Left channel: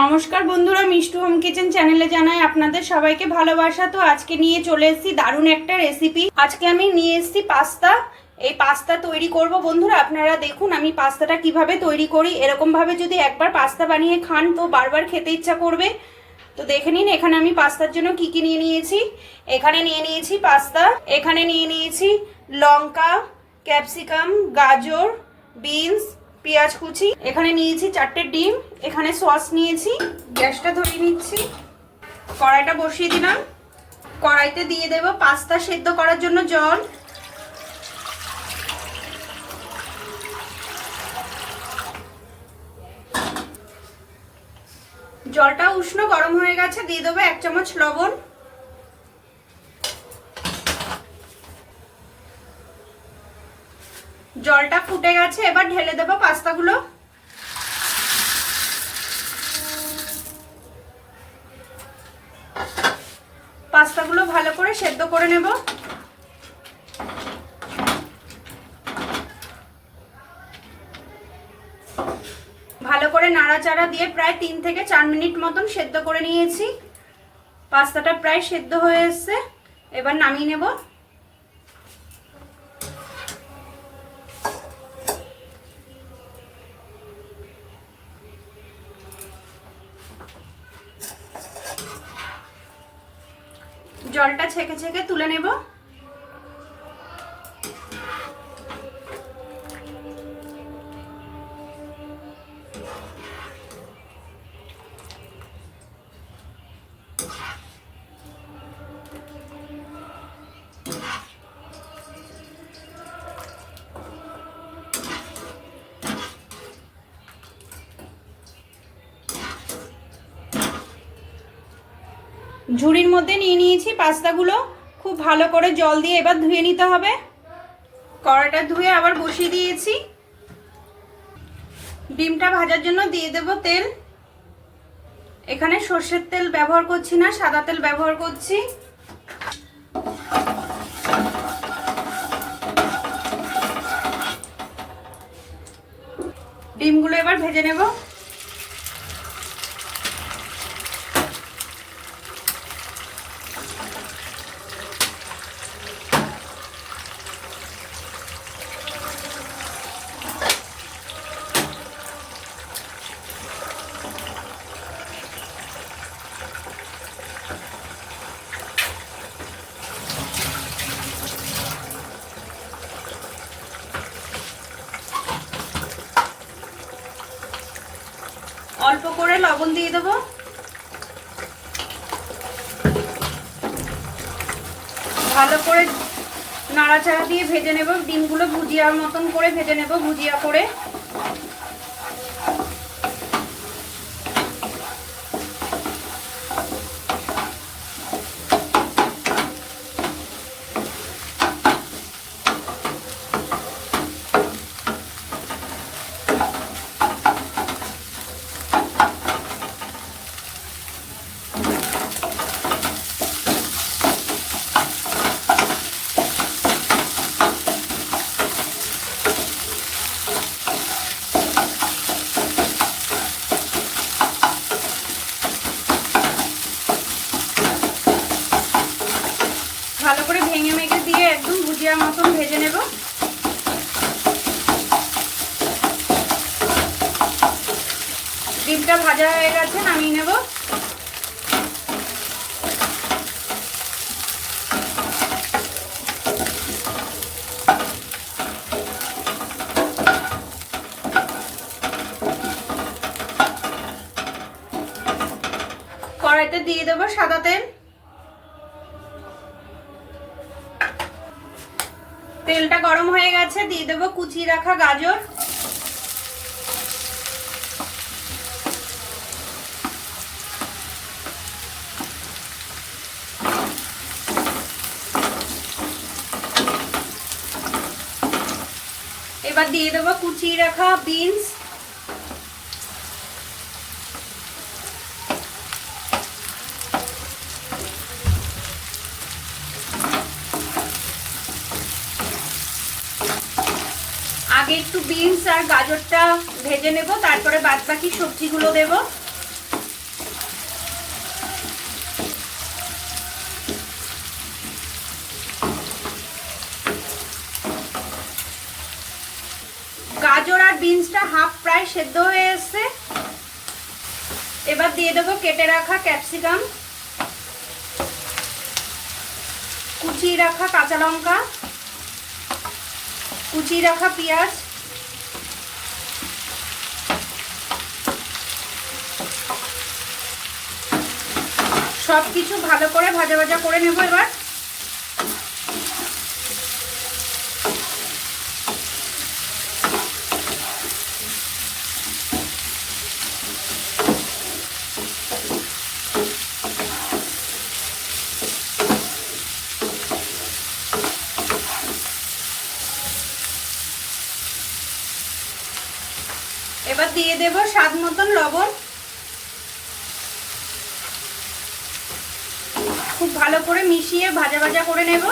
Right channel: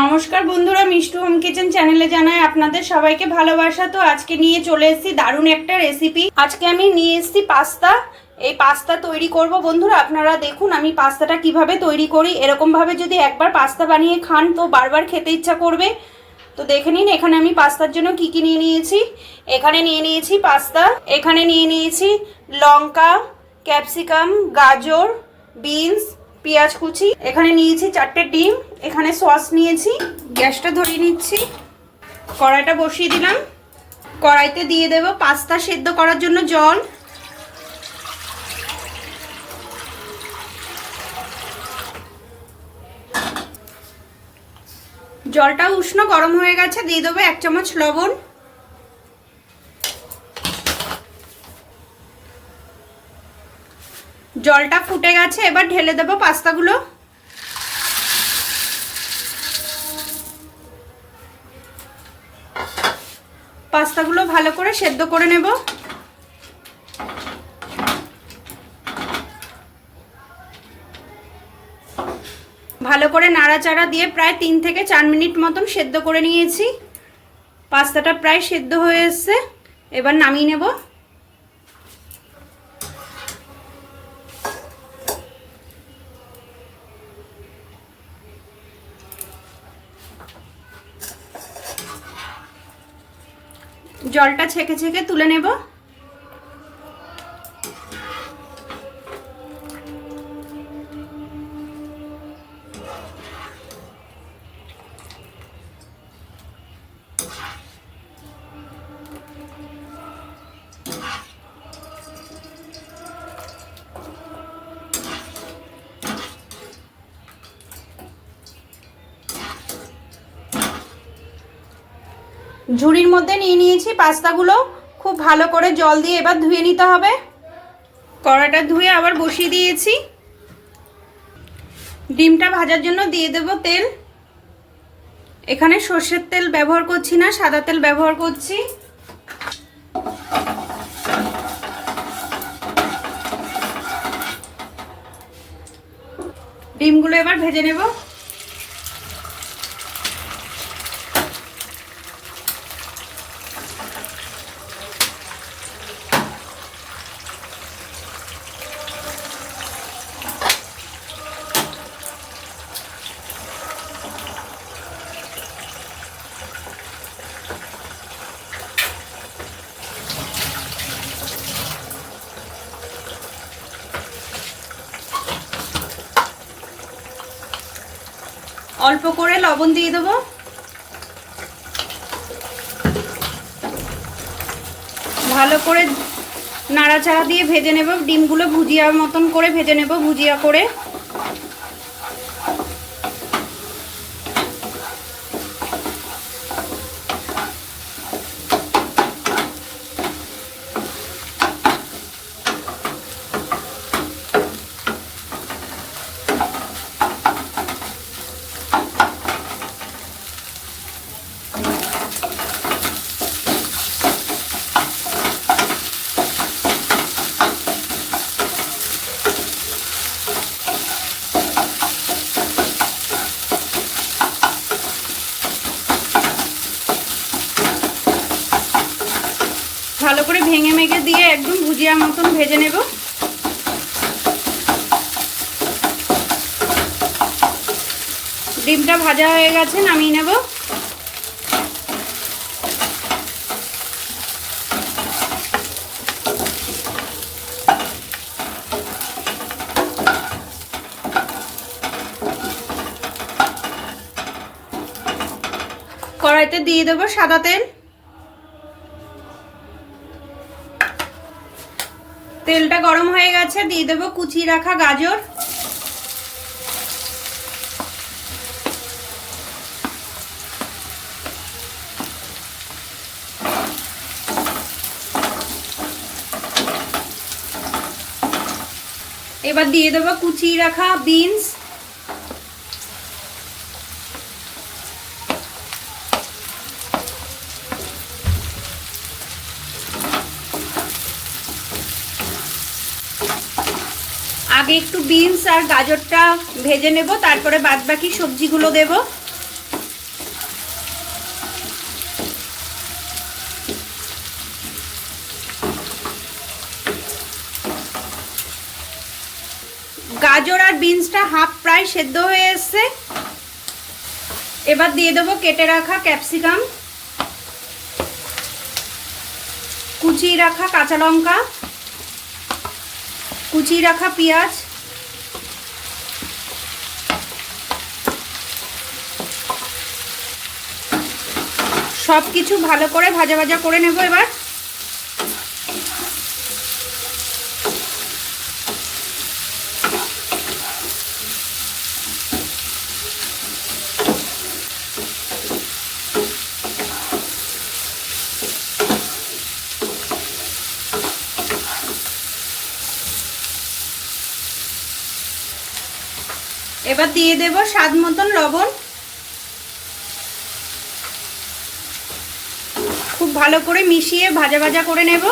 নমস্কার বন্ধুরা, Mishtu home kitchen চ্যানেলে জানাই আপনাদের সবাইকে ভালোবাসা। তো আজকে নিয়ে চলে এসেছি দারুণ একটা রেসিপি। আজকে আমি নিয়ে এসেছি পাস্তা। এই পাস্তা তৈরি করব বন্ধুরা। আপনারা দেখুন আমি পাস্তাটা কিভাবে তৈরি করি। এরকমভাবে যদি একবার পাস্তা বানিয়ে খান তো বারবার খেতে ইচ্ছা করবে। তো দেখে নিন এখানে আমি পাস্তার জন্য কি কি নিয়ে নিয়েছি। এখানে নিয়ে নিয়েছি পাস্তা, এখানে নিয়ে নিয়েছি লঙ্কা, ক্যাপসিকাম, গাজর, বিনস, পেঁয়াজ কুচি, এখানে নিয়েছি 4টে ডিম, এখানে সস নিয়েছি। গ্যাসটা ধরিয়ে নিচ্ছি, কড়াইটা বসিয়ে দিলাম। কড়াইতে দিয়ে দেব পাস্তা সেদ্ধ করার জন্য জল। জলটা উষ্ণ গরম হয়ে গেছে, দিয়ে দেবো 1 চামচ লবণ। জলটা ফুটে গেছে, এবার ঢেলে দেবো পাস্তাগুলো। পাস্তাগুলো ভালো করে সেদ্ধ করে নেব। ভালো করে নাড়াচাড়া দিয়ে প্রায় 3 থেকে 4 মিনিট মতন সেদ্ধ করে নিয়েছি। পাস্তাটা প্রায় সেদ্ধ হয়ে এসেছে, এবার নামিয়ে নেব। জলটা ছেঁকে ছেঁকে তুলে নেব। ঝুড়ির মধ্যে নিয়ে নিয়েছি পাস্তাগুলো। খুব ভালো করে জল দিয়ে এবার ধুয়ে নিতে হবে। কড়াটা ধুয়ে আবার বসিয়ে দিয়েছি। ডিমটা ভাজার জন্য দিয়ে দেব তেল। এখানে সর্ষের তেল ব্যবহার করছি না, সাদা তেল ব্যবহার করছি। ডিমগুলো এবার ভেজে নেব। অল্প করে লবণ দিয়ে দেব। ভালো করে নাড়াচাড়া দিয়ে ভেজে নেব। ডিমগুলো ভুজিয়া মতন করে ভেজে নেব, ভুজিয়া করে। ভালো করে ভেঙে মেঘে দিয়ে একদম ভুজিয়া মতন ভেজে নেব। ডিমটা ভাজা হয়ে গেছে, নামিয়ে নেব। কড়াইতে দিয়ে দেব সাদা তেল। তেলটা গরম হয়ে গেছে, দিয়ে দেব কুচিয়ে রাখা গাজর। এবার দিয়ে দেব কুচিয়ে রাখা বিনস। আগে আগে একটু বিনস আর গাজরটা ভেজে নেব, তারপরে বাদবাকি সবজিগুলো দেব। গাজর আর বিনসটা হাফ প্রায় সেদ্ধ হয়ে এসছে। এবার দিয়ে দেবো কেটে রাখা ক্যাপসিকাম, কুচিয়ে রাখা কাঁচা লঙ্কা, কুচিয়ে রাখা পেঁয়াজ, সব কিছু ভালো করে ভাজা ভাজা করে নেব। এবার দিয়ে দেব স্বাদ মতন লবণ। খুব ভালো করে মিশিয়ে ভাজা ভাজা করে নেব।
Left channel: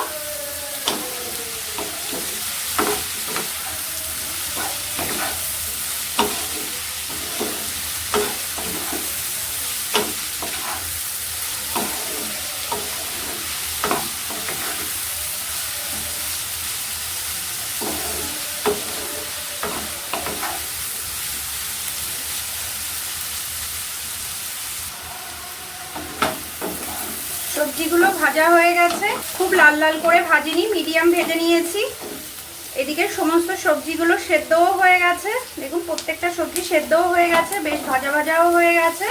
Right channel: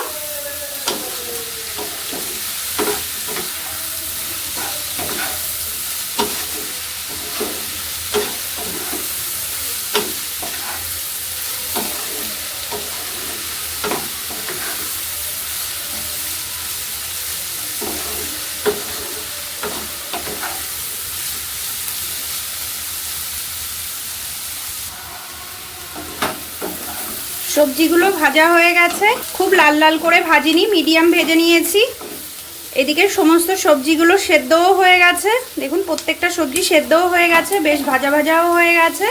সবজিগুলো ভাজা হয়ে গেছে, খুব লাল লাল করে ভাজিনি, মিডিয়াম ভেজে নিয়েছি। এদিকে সমস্ত সবজিগুলো সেদ্ধও হয়ে গেছে, দেখুন প্রত্যেকটা সবজি সেদ্ধও হয়ে গেছে, বেশ ভাজা ভাজাও হয়ে গেছে।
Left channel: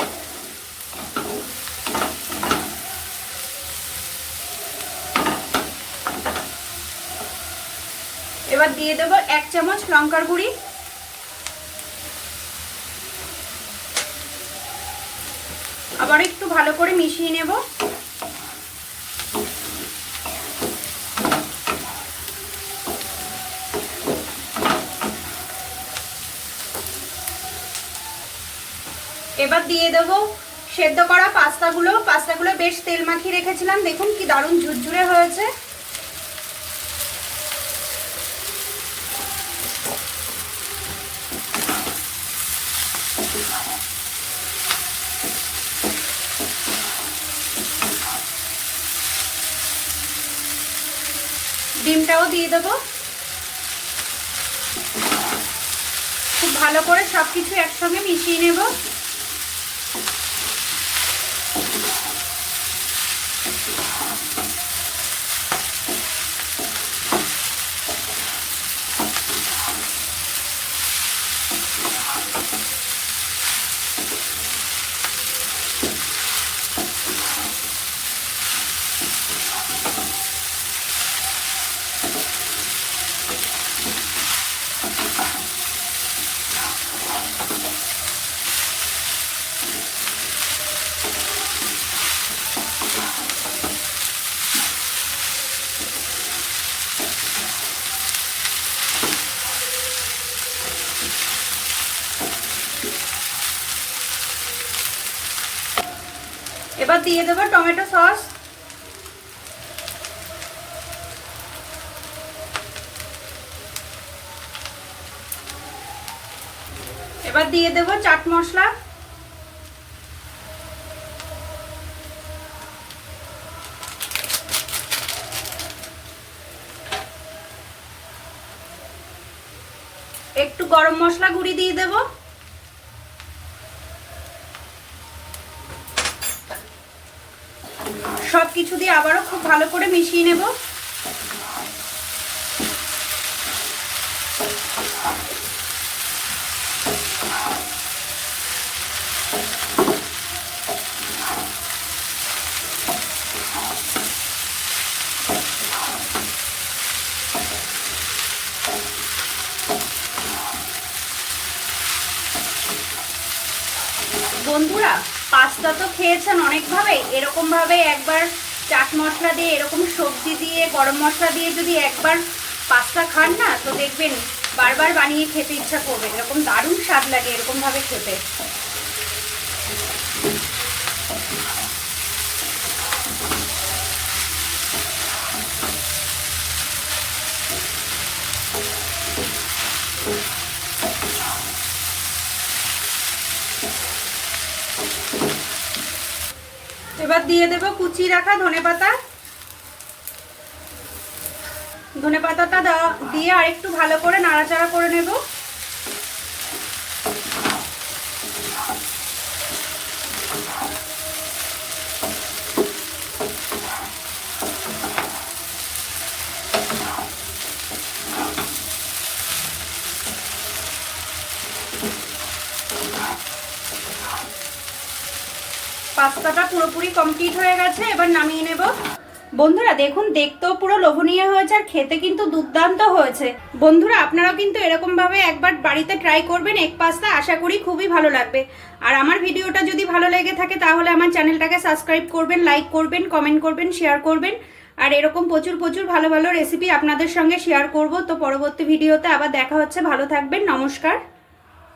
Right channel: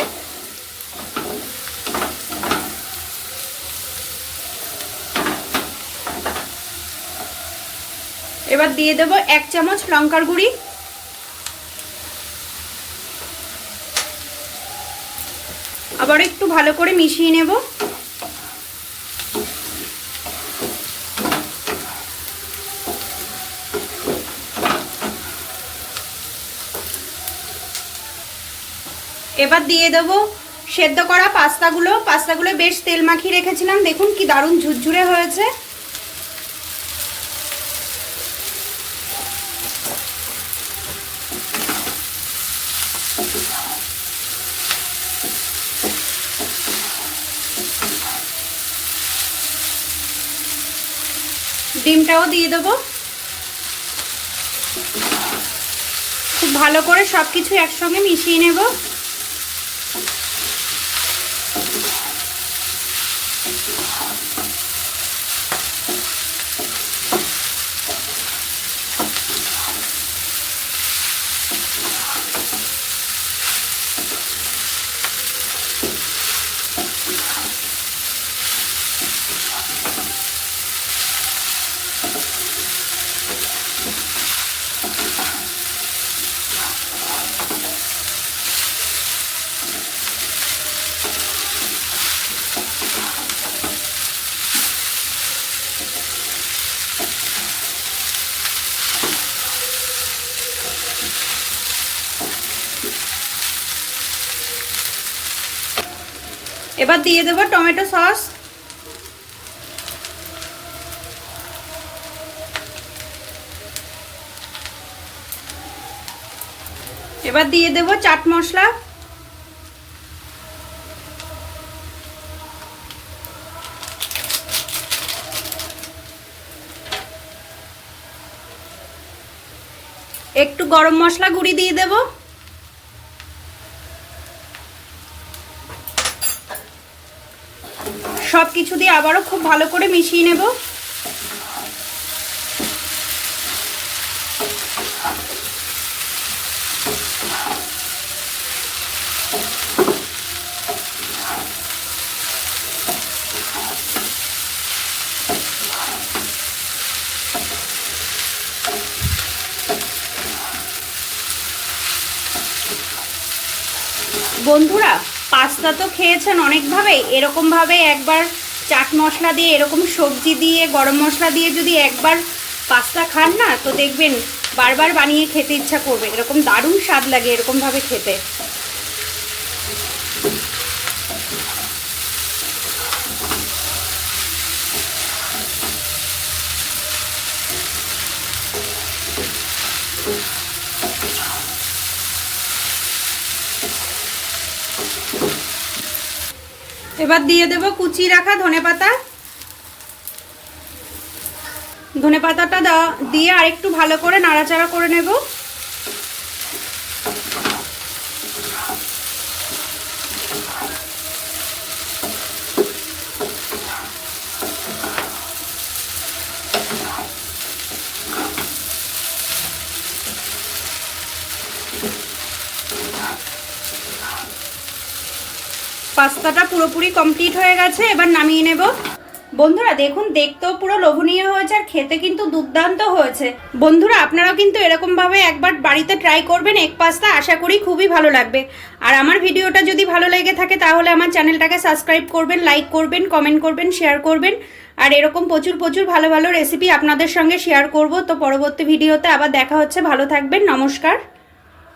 এবার দিয়ে দেব 1 চামচ লঙ্কার গুঁড়ি, আবার একটু ভালো করে মিশিয়ে নেব। এবার দিয়ে দেবো সেদ্ধ করা পাস্তাগুলো বেশ তেল মাখিয়ে রেখেছিলাম, দেখুন কি দারুণ ঝুরঝুরে হয়েছে। ডিমটাও দিয়ে দেবো। খুব ভালো করে সবকিছু একসঙ্গে মিশিয়ে নেব। এবার দিয়ে দেব টমেটো সস, এবার দিয়ে দেব চাট মশলা, একটু গরম মশলা গুঁড়ি দিয়ে দেব, সবকিছু দিয়ে আবারও খুব ভালো করে মিশিয়ে নেব। বন্ধুরা, পাস্তা তো খেয়েছেন অনেকভাবে, এরকমভাবে একবার চাট মশলা দিয়ে, এরকম সবজি দিয়ে, গরম মশলা দিয়ে যদি একবার পাস্তা খান না, তো দেখবেন বারবার বানিয়ে খেতে ইচ্ছা করবে। এরকম দারুণ স্বাদ লাগে এরকমভাবে খেতে। এবার দিয়ে দেব কুচিয়ে রাখা ধনেপাতা। ধনেপাতাটা দিয়ে আরেকটু ভালো করে নাড়াচাড়া করে নেব। পাস্তাটা পুরোপুরি কমপ্লিট হয়ে গেছে, এবার নামিয়ে নেব। বন্ধুরা দেখুন, দেখতেও পুরো লোভনীয় হয়েছে আর খেতে কিন্তু দুর্দান্ত হয়েছে। বন্ধুরা আপনারাও কিন্তু এরকমভাবে একবার বাড়িতে ট্রাই করবেন এগ পাস্তা, আশা করি খুবই ভালো লাগবে। আর আমার ভিডিওটা যদি ভালো লেগে থাকে তাহলে আমার চ্যানেলটাকে সাবস্ক্রাইব করবেন, লাইক করবেন, কমেন্ট করবেন, শেয়ার করবেন। আর এরকম প্রচুর প্রচুর ভালো ভালো রেসিপি আপনাদের সঙ্গে শেয়ার করব। তো পরবর্তী ভিডিওতে আবার দেখা হচ্ছে, ভালো থাকবেন, নমস্কার।